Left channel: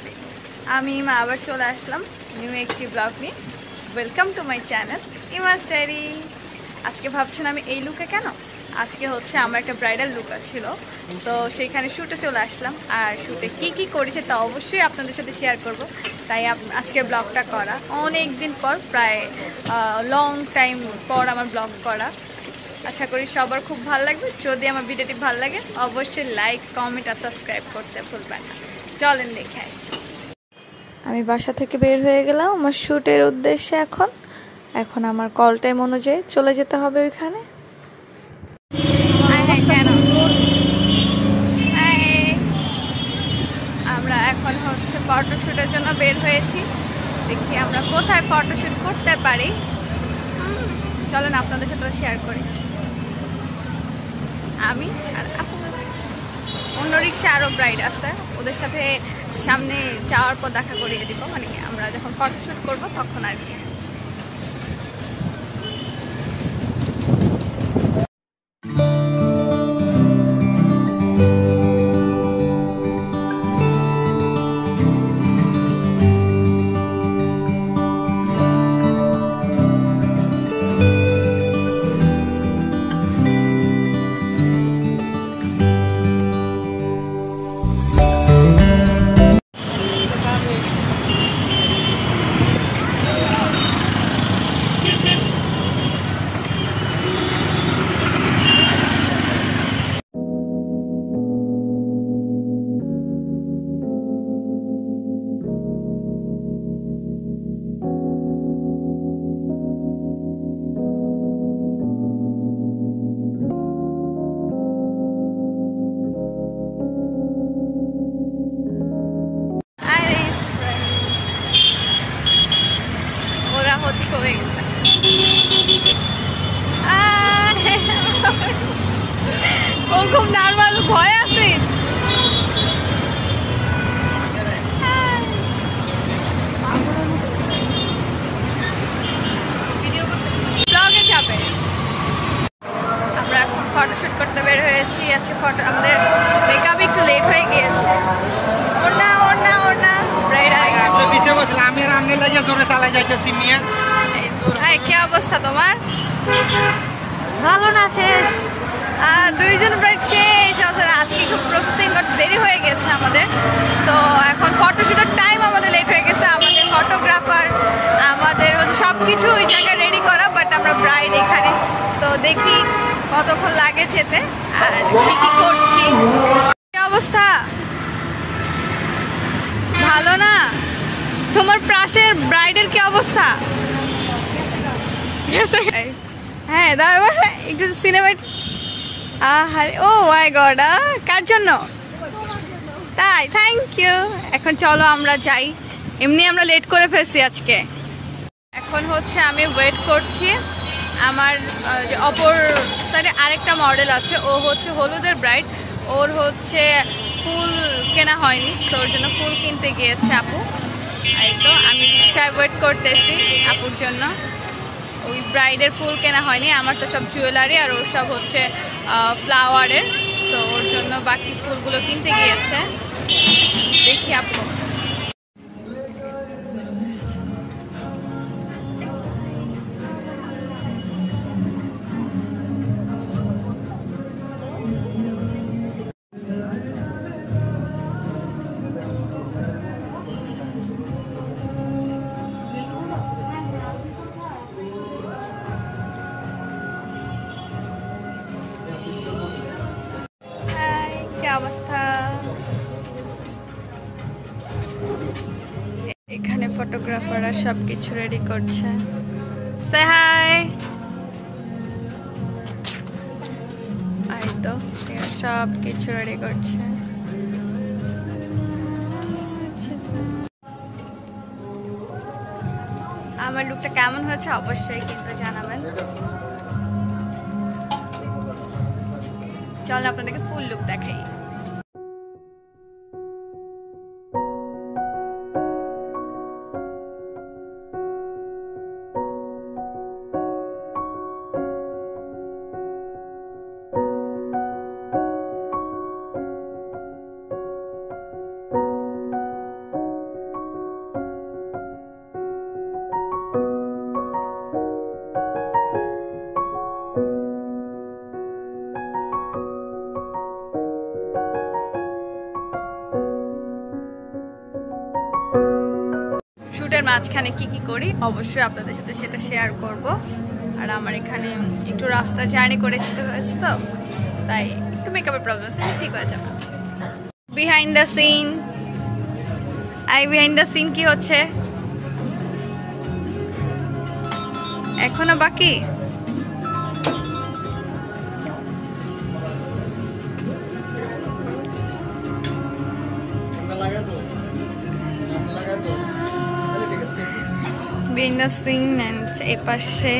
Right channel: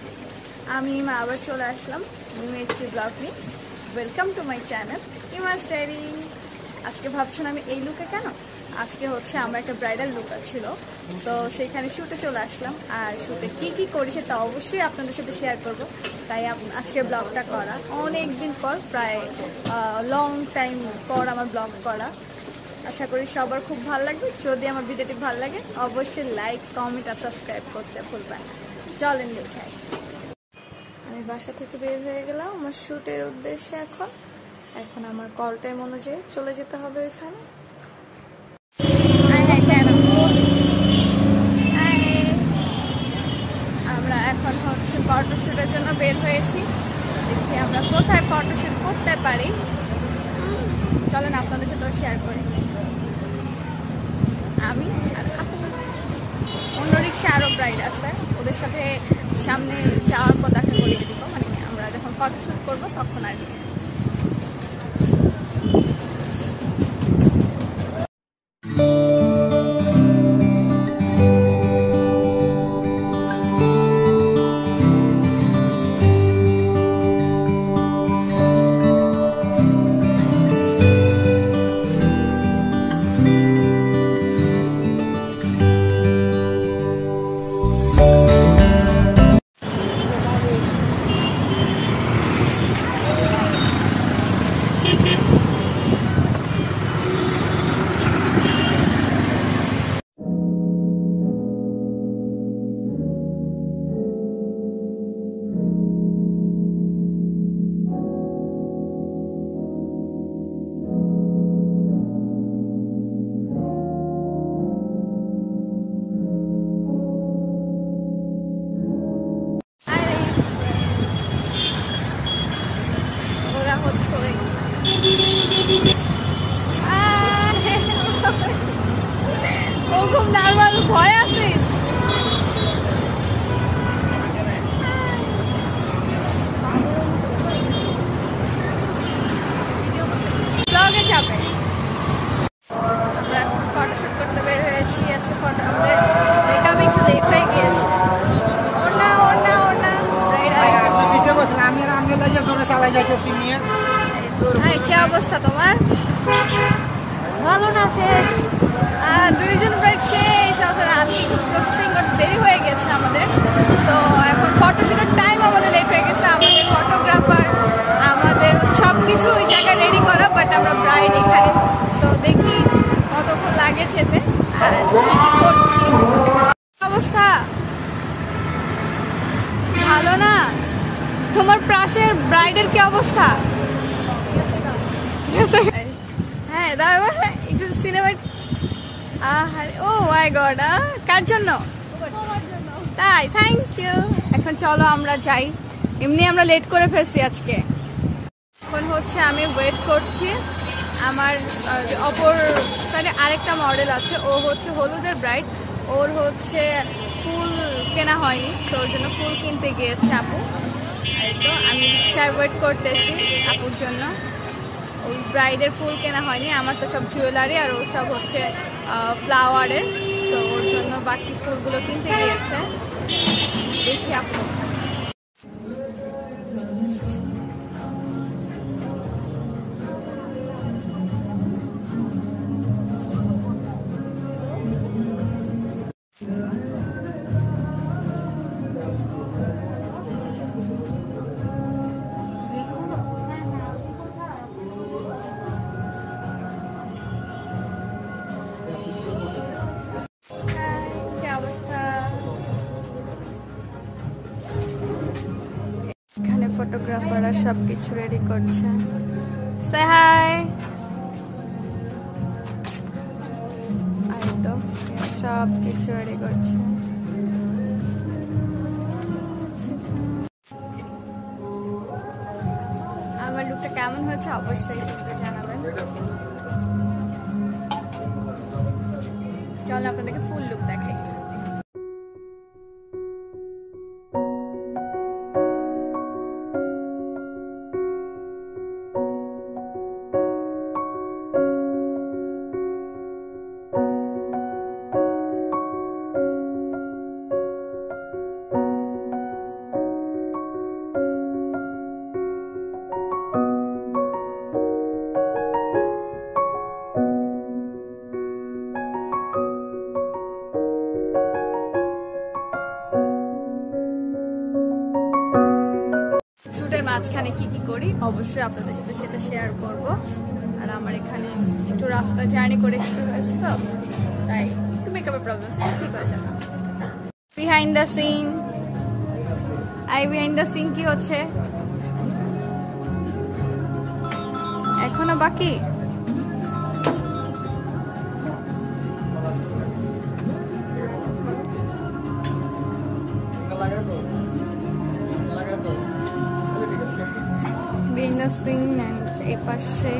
আলাইকুম। আমি ইমা আবার চলে আসলাম নিউ একটি ব্লগ নিয়ে। Welcome to my channel Ima's diary. আজকে ভাবছেন আমি এই লুকে কেন? আজকে হচ্ছে আমার একটা ব্রাইডাল লুক ছিল, তো সেইখানে শ্যুটে চলে আসলাম। আর শ্যুটে কি করেছে তা অবশ্যই আপনাদের সাথে শেয়ার করব। তাই আজকে ব্লগটা করা অনেক দিন পর, প্রায় লং টাইম পর আমার ব্লগ করা। আশা করি সবার খুব ভালো লাগবে। যদি আমার ভিডিওটি ভালো লাগে অবশ্যই লাইক, কমেন্ট আর সাবস্ক্রাইব করতে ভুলবেন না। চলেন দেখে আসি। আমি বাসা থেকে বের হয়ে গেলাম আমার শ্যুটের উদ্দেশ্যে। এখন আমার কল টাইম অনুযায়ী চলে যেতে হবে ওইখানে। কেন আমরা এখন হচ্ছে ফটোশ্যুটের জন্য বের হয়েছি। দেখি আমরা কোথায় ফটোশ্যুট করতে পারি। চলেন আপনাদের সাথেও শেয়ার করি। আমি আর আপু, অন্য রিক্সা আরও ব্রাইড আছে, ওদের সাথে সামনে যাওয়ার পর দেখা করিয়ে দিব। মানে আমরা যখন ফটোশ্যুট করব তখন আর কি। ও খুব নার্ভাস, ভয় আছিস? ব্লগে যাবে। আমরা এখন ফটোশুট করতে বের হয়েছি। আজকে আমাদের মেকআপ একটু লেট হয়ে গিয়েছে। কি অবস্থা তোমার? ভালো না, শেষ। দুইজন ব্রাইড শেষ। আজকে একটু প্রসেসিং করতে দেরি হয়ে গেছে আমাদের, তো এখন ফটোশুটের টাইম আমাদের লেট হয়ে গেছে। আমাদের ফটোগ্রাফার, আমাদের হচ্ছে সবকিছু ওই জায়গায় রেডি করা, বাট আমরা ব্রাইড এখানে। তো দেখি কতক্ষণ লাগে যেতে আর কি করছি। কি অবস্থা? ভালো না? তোমার পাশের ব্রাইডের কি অবস্থা? হ্যাঁ, তারপর একটু সিনেমা। ও মাই গড, কার জন্য? তাই, থ্যাংক ইউ। এখন চলো আমরা যাই, এমনি আমরা লেট করে ফেলছি আজকে। এখন হচ্ছে আমি ওয়েট করছি। আমার অপর সাইডে আরেকটা মডেল আছে, ও হচ্ছে হলুদের ব্রাইড। ওর হচ্ছে ফুল কেনা হয়নি, তো ওর জন্য ফুল কিনতে গিয়েছে আপু। এই তো আমি রিক্সায় ওয়েট করতেছি আপুর জন্য। ওই ব্রাইডের ফুল কেনা হয়নি, আমার তো সব জুয়েলারি আর ওর সব হচ্ছে ফ্লাওয়ারের। তো ওর জন্য বাকি ফুলগুলো কিনতে গিয়েছে। দেখি আপু। এখানে ফটোগ্রাফাররা সবকিছু রেডি করছে। সে হাই। এই তো সবকিছু রেডি করছে। আমার লুকটা কেমন হয়েছে অবশ্যই কিন্তু জানাবেন। চল আপনাদেরকে ফুল লুক দেখাই। মাঝখানে কি কি করি অবশ্যই আপনাদের সাথে সেটা শেয়ার করব। আর আমার এখানে একটু রাস্তা জার্নি করে আসতে হয়েছে, তো তাই একটু মেকআপের প্রবলেম আছে, ঠিক হয়ে যাবে। Behind the scene, behind the scene কি হচ্ছে এখনো বাকি। বিহাইন্ড দ্য সিন এই পাশে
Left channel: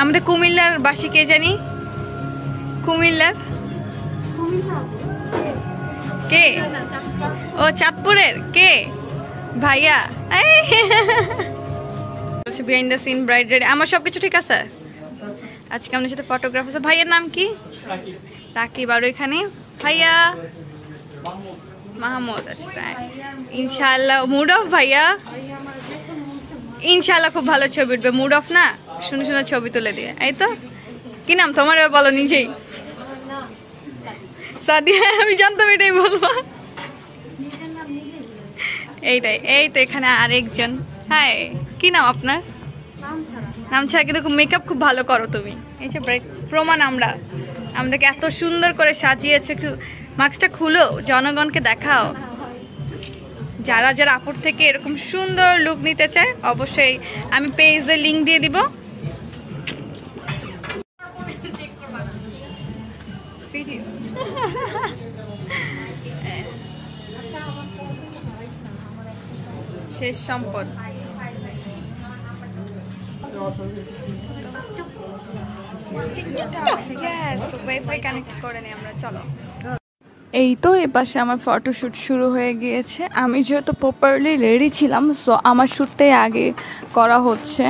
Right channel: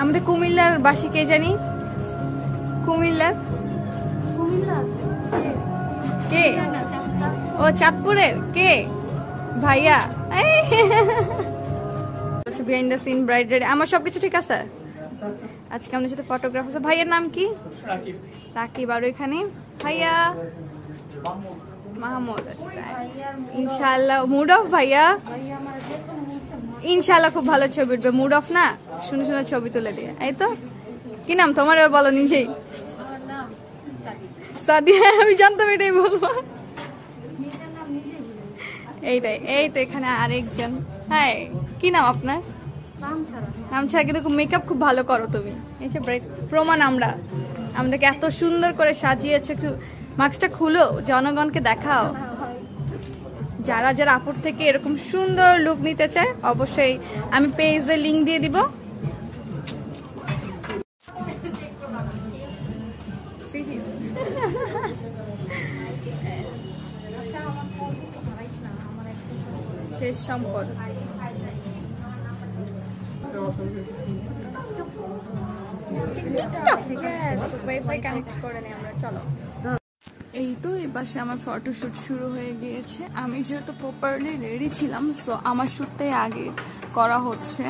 আমাদের কুমিল্লার বাসী কে জানি, কুমিল্লার কে? ও চাঁদপুরের কে? ভাইয়া বলছে behind the scene bride ready. আমার সবকিছু ঠিক আছে। আজকে আমাদের সাথে ফটোগ্রাফ আছে। ভাইয়ার নাম কি? রাকিব। আর এখানে ভাইয়া মাহমুদ। আচ্ছা ইনশাআল্লাহ মুড অফ ভাইয়া, ইনশাআল্লাহ খুব ভালো ছবি উঠবে। মুড অফ না, সুন্দর সুন্দর ছবি তুলে দিয়ে। এই তো কি নাম তোমার বলো নিজেই। সাদিয়া, আমি জানতাম এটাই বলবো। এইটাই। এই তো এখানে আরেকজন। হাই, কি নাম আপনার? নাম ছাড়া কিন্তু মেকআপ খুব ভালো করো তুমি। এই যে প্রমাণ আমাদেরকে এত সুন্দর করে সাজিয়েছে। একটু মাস্কটা খুলো, জনগণকে দেখাও। যারা যারা আপুর থেকে এরকম সুন্দর লুক নিতে চায় অবশ্যই আমি পেজে লিংক দিয়ে দিব। শেষ সম্পদ। ওয়াইফাই কানেক্ট করে নিই আমরা, চলো। এই তো এপাশে আমার ফটোশ্যুট শুরু হয়ে গিয়েছে। আমি যেহেতু প্রপারলি রেডি ছিলাম, সো আমার শ্যুটটাই আগে করা হচ্ছে।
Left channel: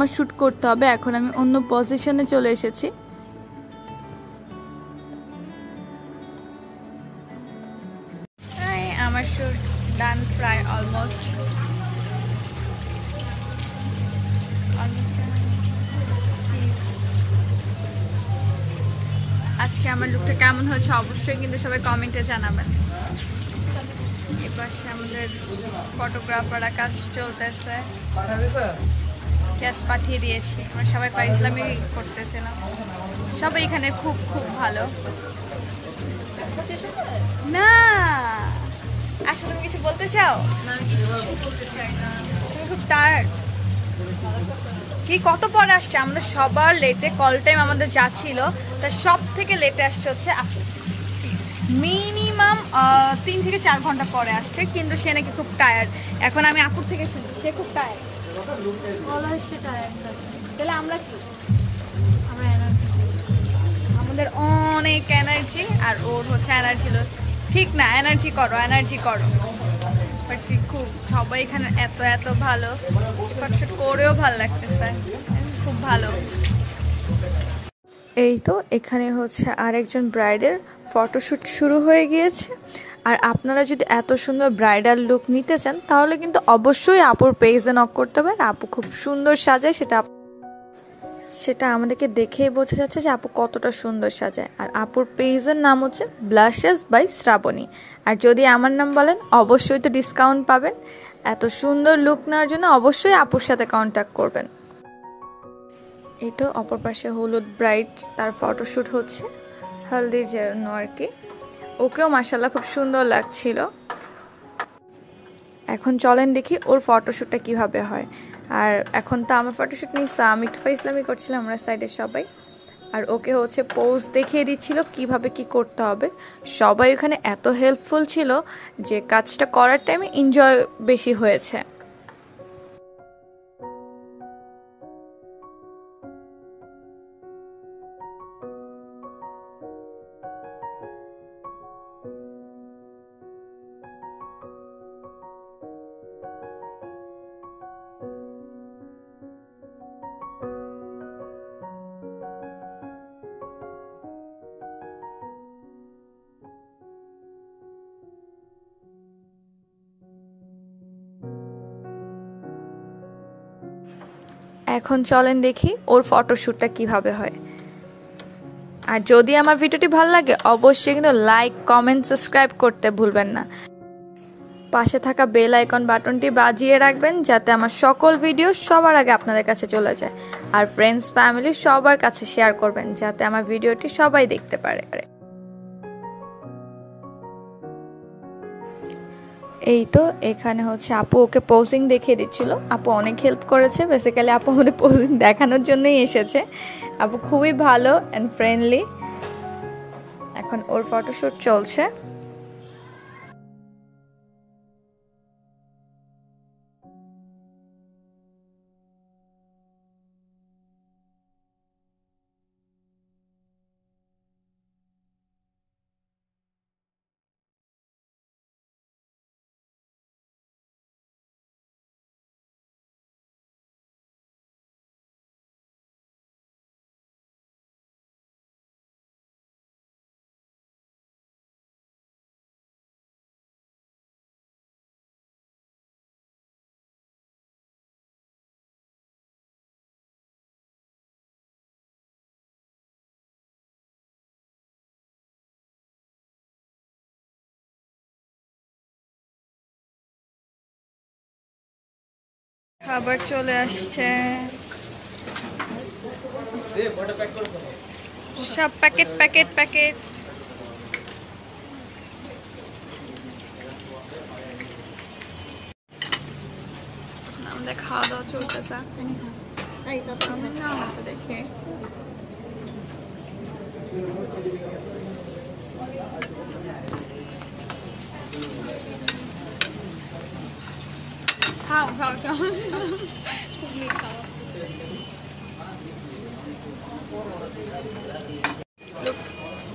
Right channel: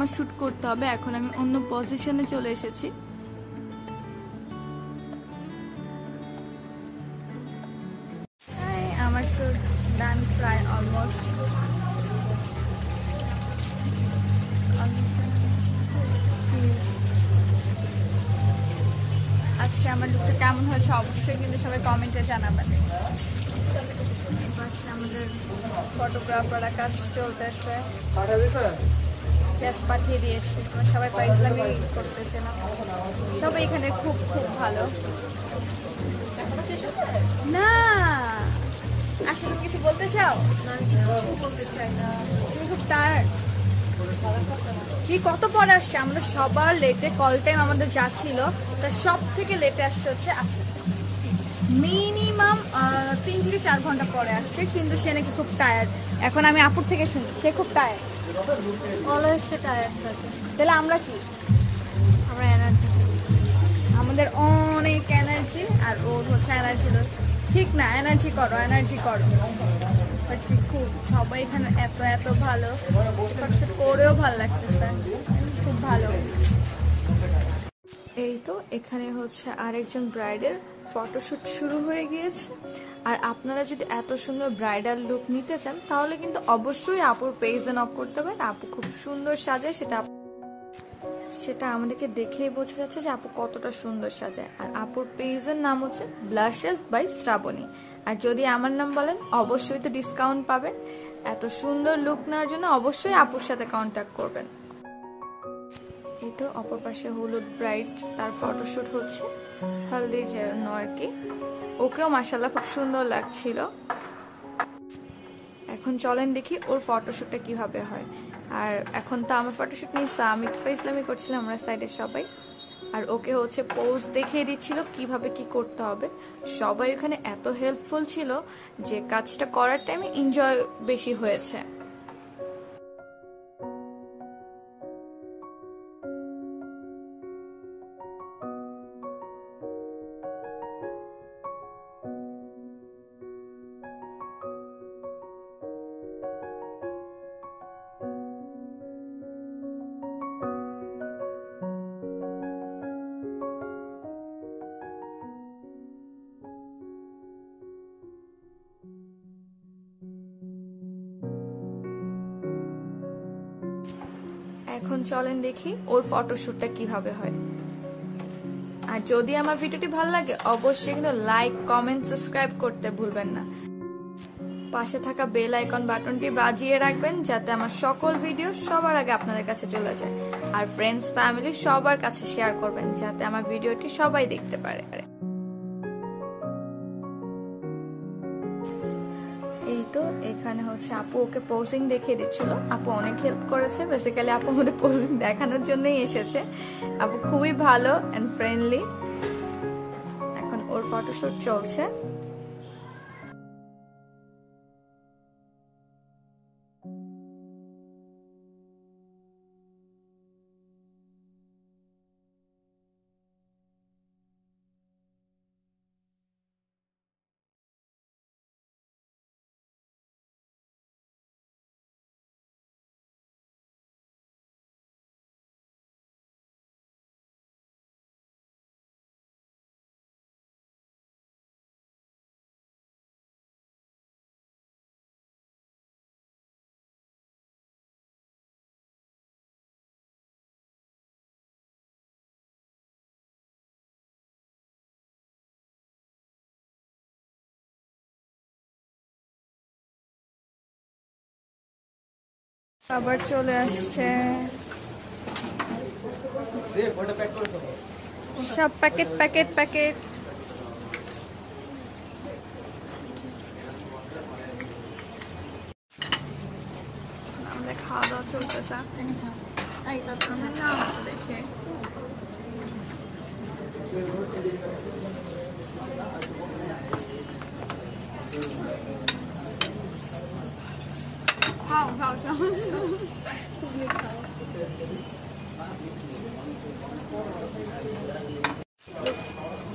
আমার শ্যুট করতে হবে। এখন আমি অন্য পজিশনে চলে এসেছি। আমার শ্যুট ডান প্রায় অলমোস্ট। আজকে আমার লুকটা কেমন হয়েছে অবশ্যই কিন্তু সবাই কমেন্টে জানাবেন। এপাশে আমাদের ফটোগ্রাফাররা কাজ চলতেছে, গ্যাস পাঠিয়ে দিয়েছি। আমরা সবাই পাইসলামি করতেছিলাম। সবাই এখানে খুব খুব ভালো। না আসলে তুমি কিছু বলতে চাও? তুমি খুব টায়ার্ড কি? কত পরে আসছে? আমরা সবার লেটে, কল টাইম আমাদের যাচ্ছিল, তার সব থেকে লেটে আসছে হচ্ছে মিনিমাম 3 থেকে 4 ঘন্টা পরে আসছে, কিন্তু সে নাকি খুব টায়ার্ড। এখন আমি আপুর থেকে শুনি সে খুব টায়ার্ড। তাহলে আমরা কি? আমরা এনার্জি, আমাদের অনেক এনার্জি, আর ওর হচ্ছে এনার্জি ঠিক না। এনার্জি করো, এনার্জি করো। খুব সবাই এখানে এত এত ভালো, ফটোশুট করেও ভালো লাগতেছে, খুব ভালো। এই তো এখানে হচ্ছে আরেকজন ব্রাইডের ফটোশুট শুরু হয়ে গিয়েছে। আর আপনারা যদি এত সুন্দর ব্রাইডাল লুক নিতে চান তাহলে কিন্তু অবশ্যই আপুর পেজে নক করতে হবে। আপু খুব সুন্দর সাজায়, সেটা আমাদেরকে দেখেই বোঝা যাচ্ছে যে আপু কতটা সুন্দর সাজায়। আর আপুর পেজের নাম হচ্ছে ব্লাশেস বাই শ্রাবণী। আর যদি আমার নাম বলেন অবশ্যই তো ডিসকাউন্ট পাবেন। এত সুন্দর লুক নেওয়ার জন্য অবশ্যই আপুর সাথে কন্ট্যাক্ট করবেন। এই তো অপর পাশে হলুদ ব্রাইড, তার ফটোশ্যুট হচ্ছে হলদির জন্য আর কি। ওকেও মাশাআল্লাহ খুব সুন্দর লাগছিল। এখন চলেন দেখি ওর ফটোশ্যুটটা কিভাবে হয়। আর এখন তো আমার ফটোশ্যুট নিয়ে আমি একটু ফাইজলামি করছিলাম, আমরা সাইডের সবাই। আর ওকে হচ্ছে পোজ দেখিয়ে দিচ্ছিল কিভাবে কি করতে হবে। সবাই ওখানে এত হেল্পফুল ছিল যে কাজটা করার টাইমে এনজয় বেশি হয়েছে। এখন চলেন দেখি ওর ফটোশ্যুটটা কিভাবে হয়। আর যদি আমার ভিডিওটি ভালো লাগে অবশ্যই কিন্তু লাইক, কমেন্ট, সাবস্ক্রাইব করতে ভুলবেন না। পাশে থাকা বেল আইকন বাটনটি বাজিয়ে রাখবেন যাতে আমার সকল ভিডিও সবার আগে আপনাদের কাছে চলে যায়। আর ফ্রেন্ডস, ফ্যামিলি সবার কাছে শেয়ার করবেন যাতে আমার ভিডিওটি সবাই দেখতে পারে। এই তো এখানে হচ্ছে আপু ওকে পোজিং দেখিয়ে দিচ্ছিল। আপু অনেক হেল্প করেছে। বেসিক্যালি আপু আমাদের পোজিং দেখানোর জন্যই এসেছে। আপু খুবই ভালো অ্যান্ড ফ্রেন্ডলি। এখন ওর ফটোশুট চলছে। খাবার চলে আসছে, সব প্যাকেট প্যাকেট প্যাকেট। আমাদের খাওয়া দাওয়া চলতেছে। দেখে খাও খাও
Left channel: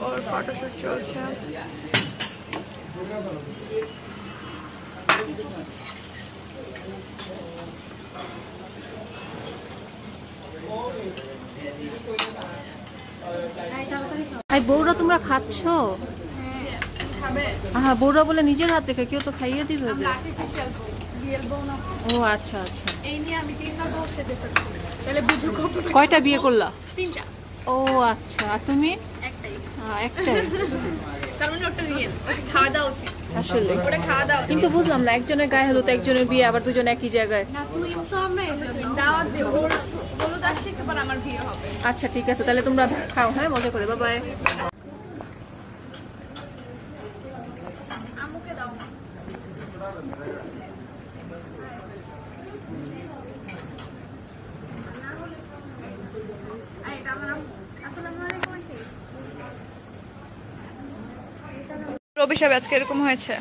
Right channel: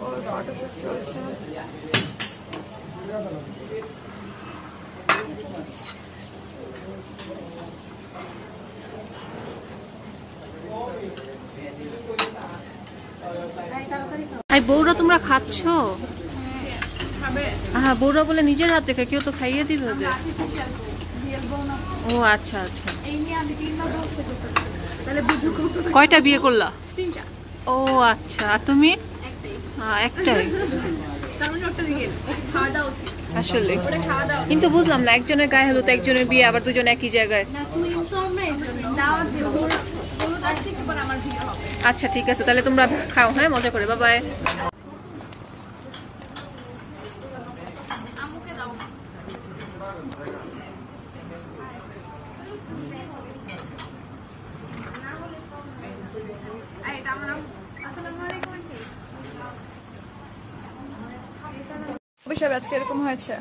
ওর ফটোশুট চলছে। এই বউরা তোমরা খাচ্ছ? হ্যাঁ, বউরা বলে নিজের হাতে খায়, কেউ তো খাইয়ে দিবে ওদের। ও আচ্ছা আচ্ছা। কয়টা বিয়ে করলা? 3টা। ও আচ্ছা, আর তুমি? একটাই। আসলে কিন্তু বুঝলাম না, একজনের গায়ে হলুদ, একজনের বিয়ে, আবার দুজন একই জায়গায়। আচ্ছা ঠিক আছে, তাহলে তোমরা খাও, হ্যাঁ মজা করে। Bye bye. রবি সাহেব আজকে এরকম হয়েছে।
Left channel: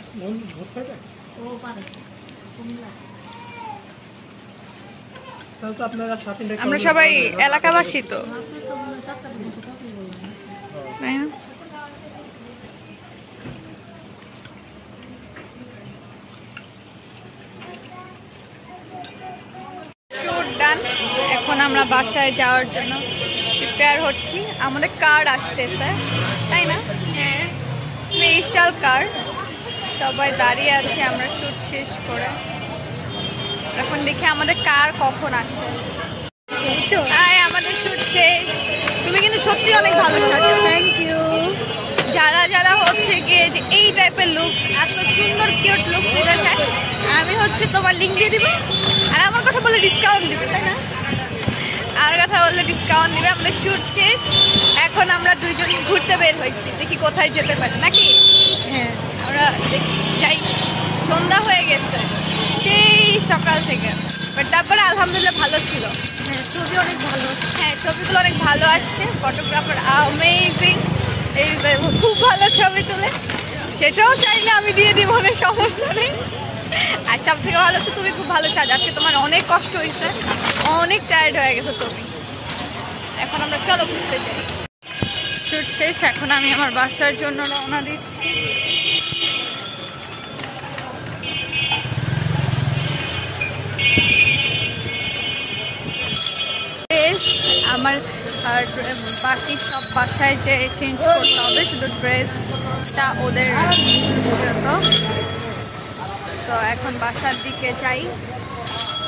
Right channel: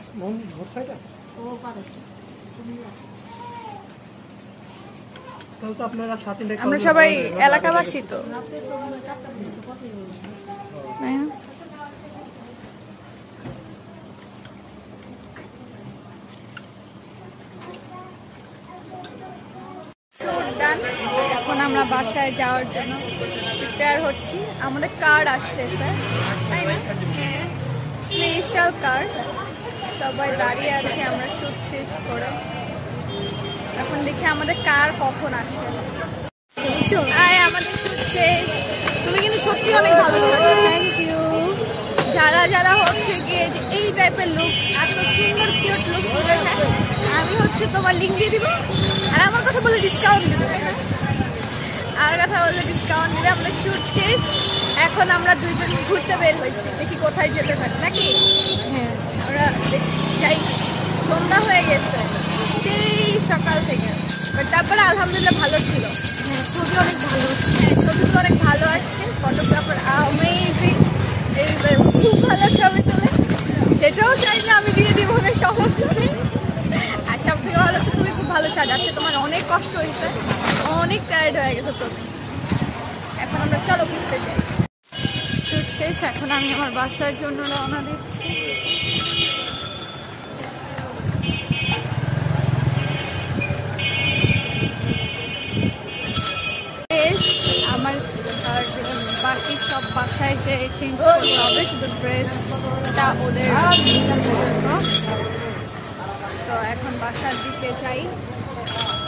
আমরা সবাই এলাকাবাসী তো, এখন আমরা বাসায় যাওয়ার জন্য প্রিপেয়ার হচ্ছি। আমাদের কার আসতেছে, তাই না? হ্যাঁ, স্পেশাল কার। সবাই দাঁড়িয়ে আছে আমরা শুট শেষ করে। এখন দেখি আমাদের কার কখন আসে। আমাদের শুট শেষ। তুমি কিন্তু সত্যি অনেক ভালো সাজো। Thank you. যারা যারা হচ্ছে গিয়ে যে এই টাইপের লুক, এত সুন্দর কিউট লুক নিতে চায়, আমি হচ্ছে তোমার লিঙ্ক দিয়ে দিব। আর আমার কথা বলে ডিসকাউন্ট দিবে, তাই না? আর কথা বললে ডিসকাউন্ট দিবে। আমাদের শুট শেষ, এখন আমরা দুইজন ঘুরতে বের হয়েছি, দেখি কোথায় যেতে পারি নাকি। হ্যাঁ, আমরা যাই। সন্ধ্যা হয়ে গেছে সেই সকাল থেকে, বাট তারপরে আলহামদুলিল্লাহ ভালো ছিল। হ্যাঁ, ছবি অনেক ভালো। হ্যাঁ, ছবিগুলো অনেক ভালো আসছে। ফটোগ্রাফার অ্যামেজিং, এই খুব ভালো ছবি তোলে। সেটাও চাইলে আমি দিয়ে দিব, অনেক সমস্যা নেই। আর সব থেকে ভালো হচ্ছে তুমি খুব ভালো সাজ। আজকে তোমার অনেক কষ্ট হয়েছে, অনেক টায়ার্ড হয়ে গেছে তুমি। এখন আমরা চলো ঘুরতে যাই। শুট শেষ, এখন আমি আমার বাসার জন্য রওনা দিচ্ছি। আমার আর বাকি সব বাসায় যে চেঞ্জ করতে হবে, শুধু ড্রেসটা ওদের জন্য। তো এখন বাসার দিকে যাই।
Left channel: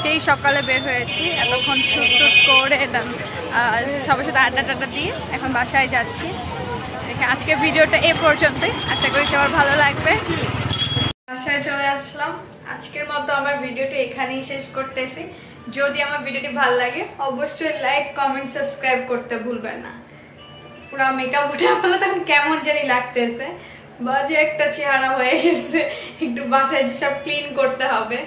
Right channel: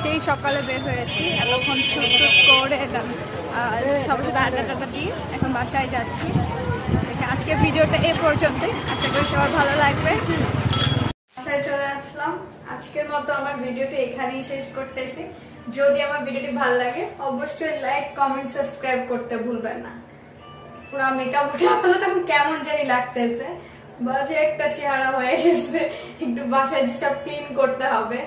সেই সকালে বের হয়েছি, এতক্ষণ শুট টুট করে সবার সাথে আড্ডা টাড্ডা দিয়ে এখন বাসায় যাচ্ছি। দেখে আজকে ভিডিওটা এ পর্যন্তই, আশা করি সবার ভালো লাগবে। বাসায় চলে আসলাম। আজকের মতো আমার ভিডিওটি এখানেই শেষ করতেছি। যদি আমার ভিডিওটি ভালো লাগে অবশ্যই লাইক, কমেন্ট, সাবস্ক্রাইব করতে ভুলবেন না। পুরা মেকআপ উঠে ফেলে তখন কেমন জানি লাগতেছে, বাজে একটা চেহারা হয়ে গেছে। একটু বাসায় যেসব ক্লিন করতে হবে।